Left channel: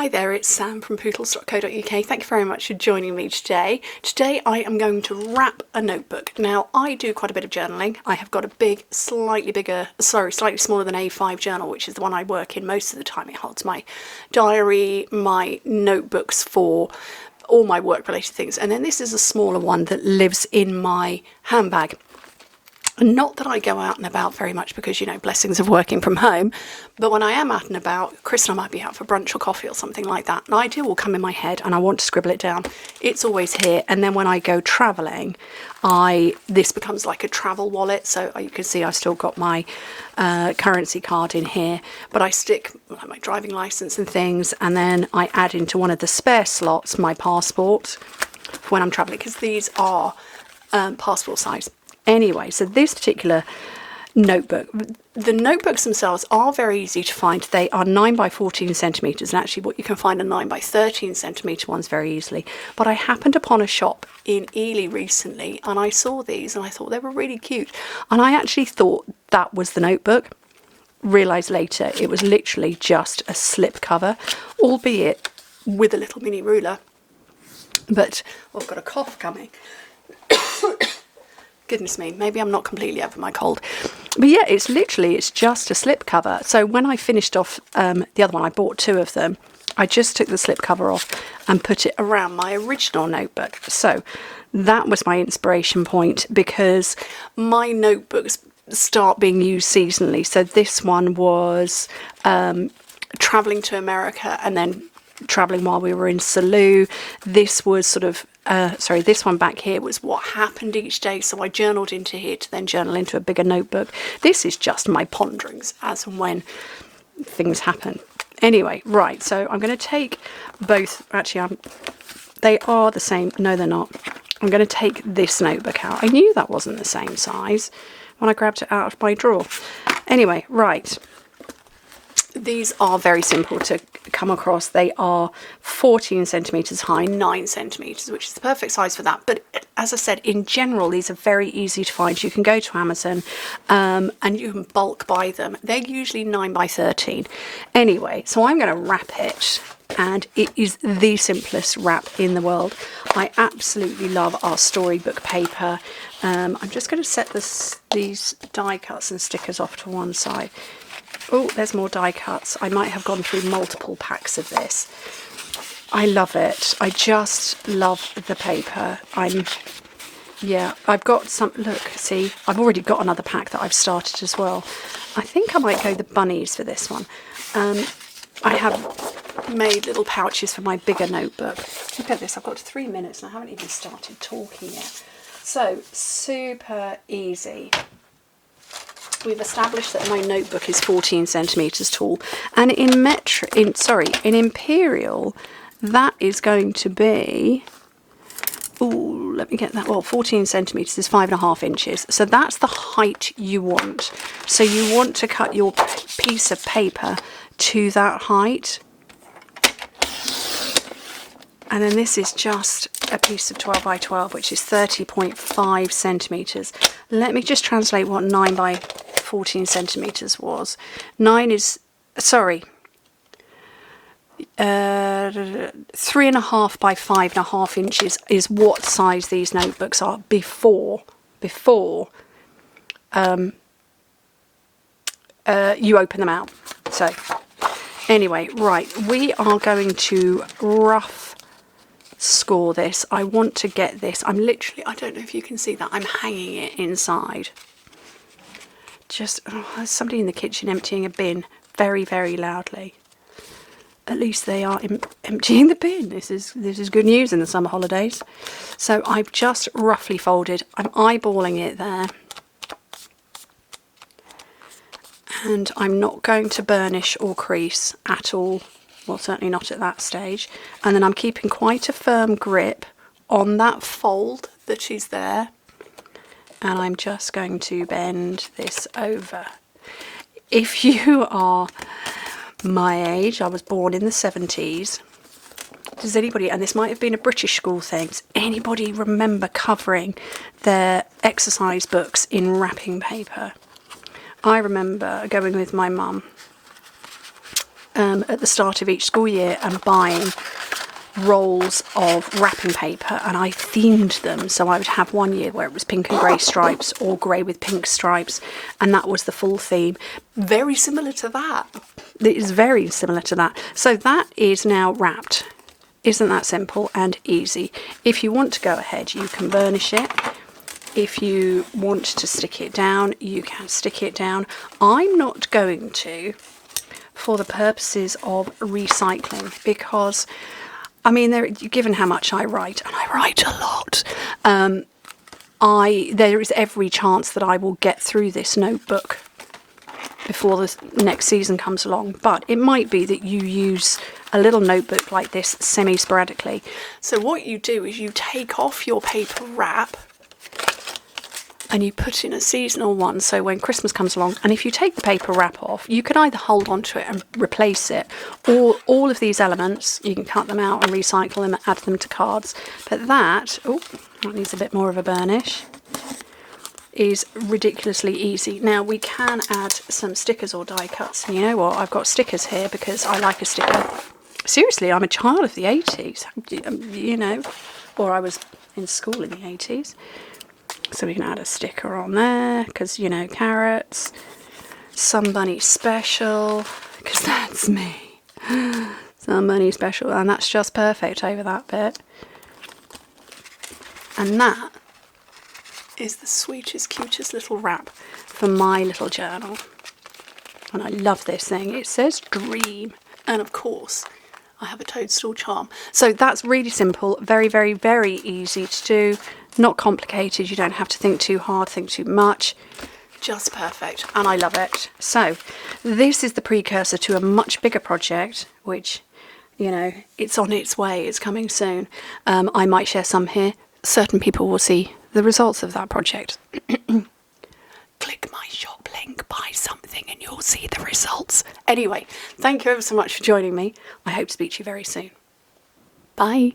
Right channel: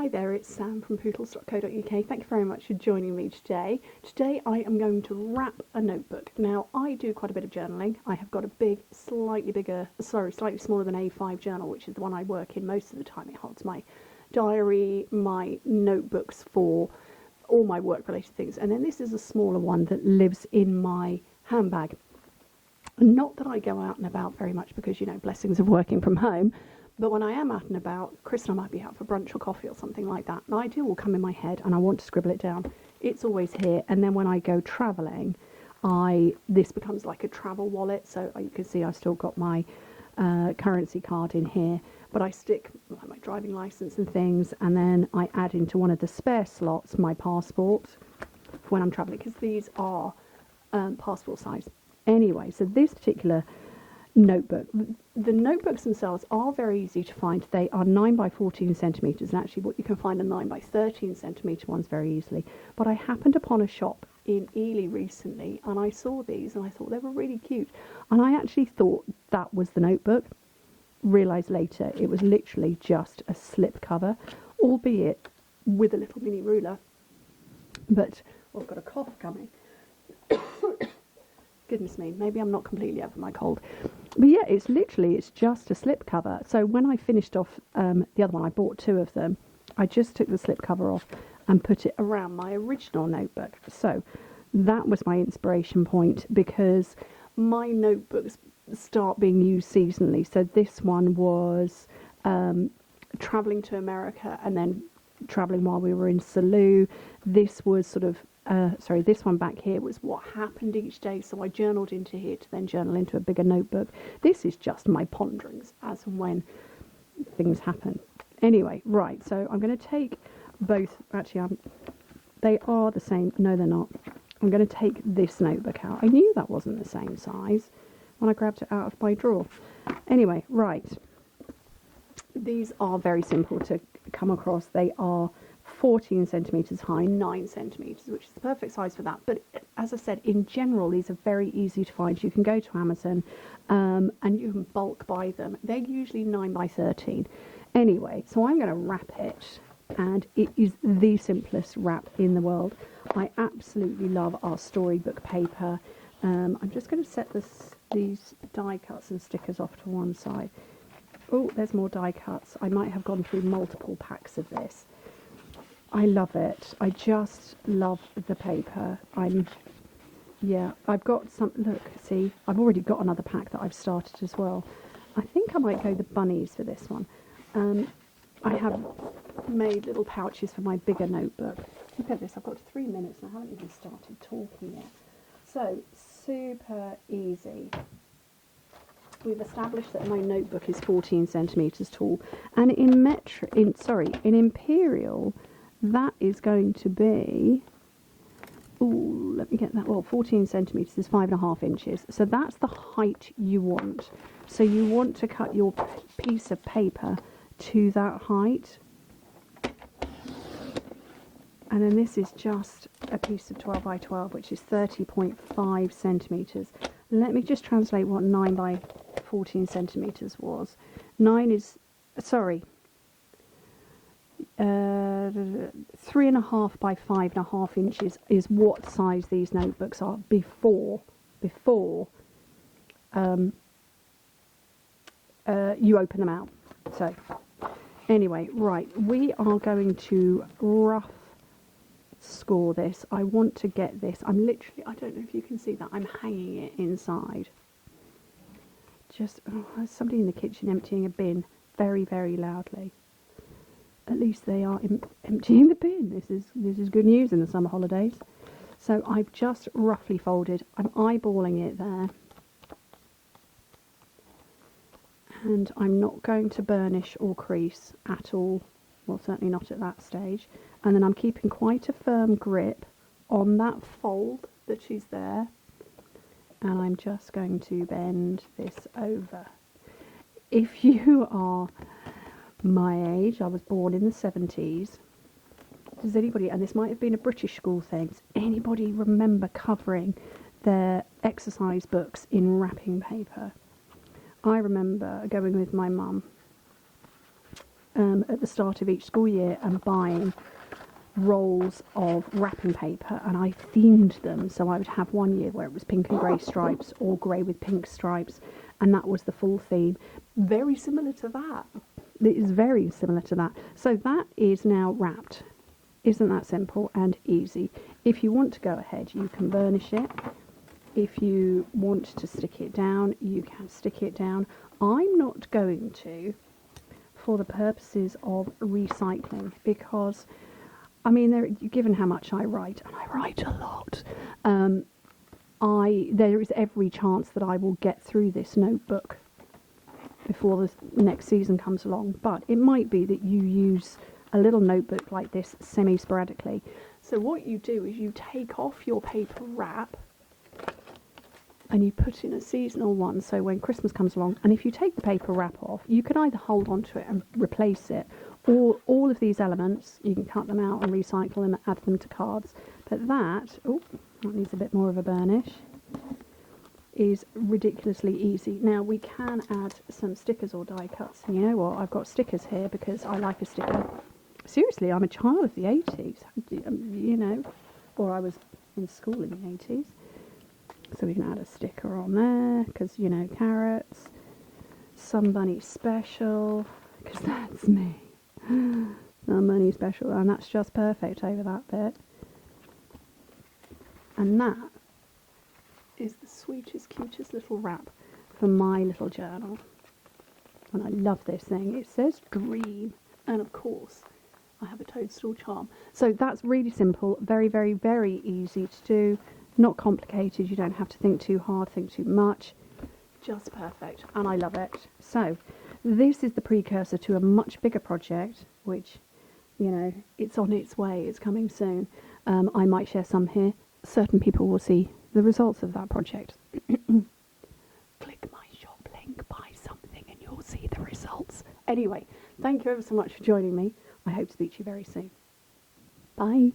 Hi there, it's Sam from Pootles.co.uk. Thank you very much for joining me today. Today I am going to wrap a notebook. Now I do quite a bit of journaling. I have got a big, slightly smaller than A5 journal, which is the one I work in most of the time. It holds my diary, my notebooks for all my work related things. And then this is a smaller one that lives in my handbag. Not that I go out and about very much because, you know, blessings of working from home, but when I am out and about, Chris and I might be out for brunch or coffee or something like that, an idea will come in my head and I want to scribble it down. It's always here. And then when I go travelling, this becomes like a travel wallet. So you can see I've still got my currency card in here, but I stick my driving licence and things, and then I add into one of the spare slots my passport for when I'm travelling, because these are passport size. Anyway, so this particular notebook, the notebooks themselves are very easy to find. They are 9 by 14 centimetres, and actually what you can find a 9 by 13 centimetre ones very easily. But I happened upon a shop in Ely recently and I saw these and I thought they were really cute. And I actually thought that was the notebook. Realised later it was literally just a slip cover, albeit with a little mini ruler. But I've got a cough coming. Goodness me, maybe I'm not completely over my cold. But yeah, it's just a slip cover. So when I finished off the other one, I bought 2 of them. I just took the slip cover off and put it around my original notebook. So that was my inspiration point, because my notebooks start being used seasonally. So this one was travelling to America and then travelling while we were in Salou. This was sort of this one back here was what happened each day, so I journaled into here to then journal into a bigger notebook. This is just my ponderings as and when things happen. Anyway, right, so I'm going to take both. Actually, they are the same. No, they're not. I'm going to take this notebook out. I knew that wasn't the same size when I grabbed it out of my drawer. Anyway, right. These are very simple to come across. They are 14 centimetres high, 9 centimetres, which is the perfect size for that. But as I said, in general, these are very easy to find. You can go to Amazon and you can bulk buy them. They're usually 9 by 13. Anyway, so I'm going to wrap it, and it is the simplest wrap in the world. I absolutely love our Storybook paper. I'm just going to set these die cuts and stickers off to one side. Oh, there's more die cuts. I might have gone through multiple packs of this. I love it. I just love the paper. I've got some, look, see, I've already got another pack that I've started as well. I think I might go the bunnies for this one. I have made little pouches for my bigger notebook. Look at this, I've got 3 minutes and I haven't even started talking yet. So, super easy. We've established that my notebook is 14 centimetres tall, and in imperial, that is going to be, let me get that, 14 centimetres is 5.5 inches, so that's the height you want. So you want to cut your piece of paper to that height. And then this is just a piece of 12 by 12, which is 30.5 centimetres. Let me just translate what 9 by 14 centimetres was. 3.5 by 5.5 inches is what size these notebooks are before you open them out. So anyway, right, we are going to rough score this. I want to get this. I'm literally, I don't know if you can see that, I'm hanging it inside. Just, there's somebody in the kitchen emptying a bin very, very loudly. At least they are emptying the bin. This is good news in the summer holidays. So I've just roughly folded. I'm eyeballing it there. And I'm not going to burnish or crease at all. Well, certainly not at that stage. And then I'm keeping quite a firm grip on that fold that is there. And I'm just going to bend this over. If you are my age, I was born in the 70s. Does anybody, and this might have been a British school thing, does anybody remember covering their exercise books in wrapping paper? I remember going with my mum at the start of each school year and buying rolls of wrapping paper, and I themed them. So I would have one year where it was pink and grey stripes, or grey with pink stripes, and that was the full theme. Very similar to that. It is very similar to that. So that is now wrapped. Isn't that simple and easy? If you want to go ahead, you can burnish it. If you want to stick it down, you can stick it down. I'm not going to, for the purposes of recycling, because I mean, given how much I write, and I write a lot, there is every chance that I will get through this notebook before the next season comes along. But it might be that you use a little notebook like this semi-sporadically. So what you do is you take off your paper wrap and you put in a seasonal one, so when Christmas comes along, and if you take the paper wrap off, you can either hold on to it and replace it, or all of these elements, you can cut them out and recycle them and add them to cards. But that needs a bit more of a burnish, is ridiculously easy. Now we can add some stickers or die cuts, and you know what, I've got stickers here because I like a sticker. Seriously, I'm a child of the 80s, you know, or I was in school in the 80s. So we can add a sticker on there, because, you know, carrots, somebody special, because that's me, somebody special, and that's just perfect over that bit. And that is the sweetest, cutest little wrap for my little journal. And I love this thing. It says dream. And of course, I have a toadstool charm. So that's really simple, very, very, very easy to do. Not complicated, you don't have to think too hard, think too much. Just perfect, and I love it. So this is the precursor to a much bigger project, which, you know, it's on its way, it's coming soon. I might share some here. Certain people will see the results of that project. Click my shop link, buy something, and you'll see the results. Anyway, thank you ever so much for joining me. I hope to speak to you very soon. Bye.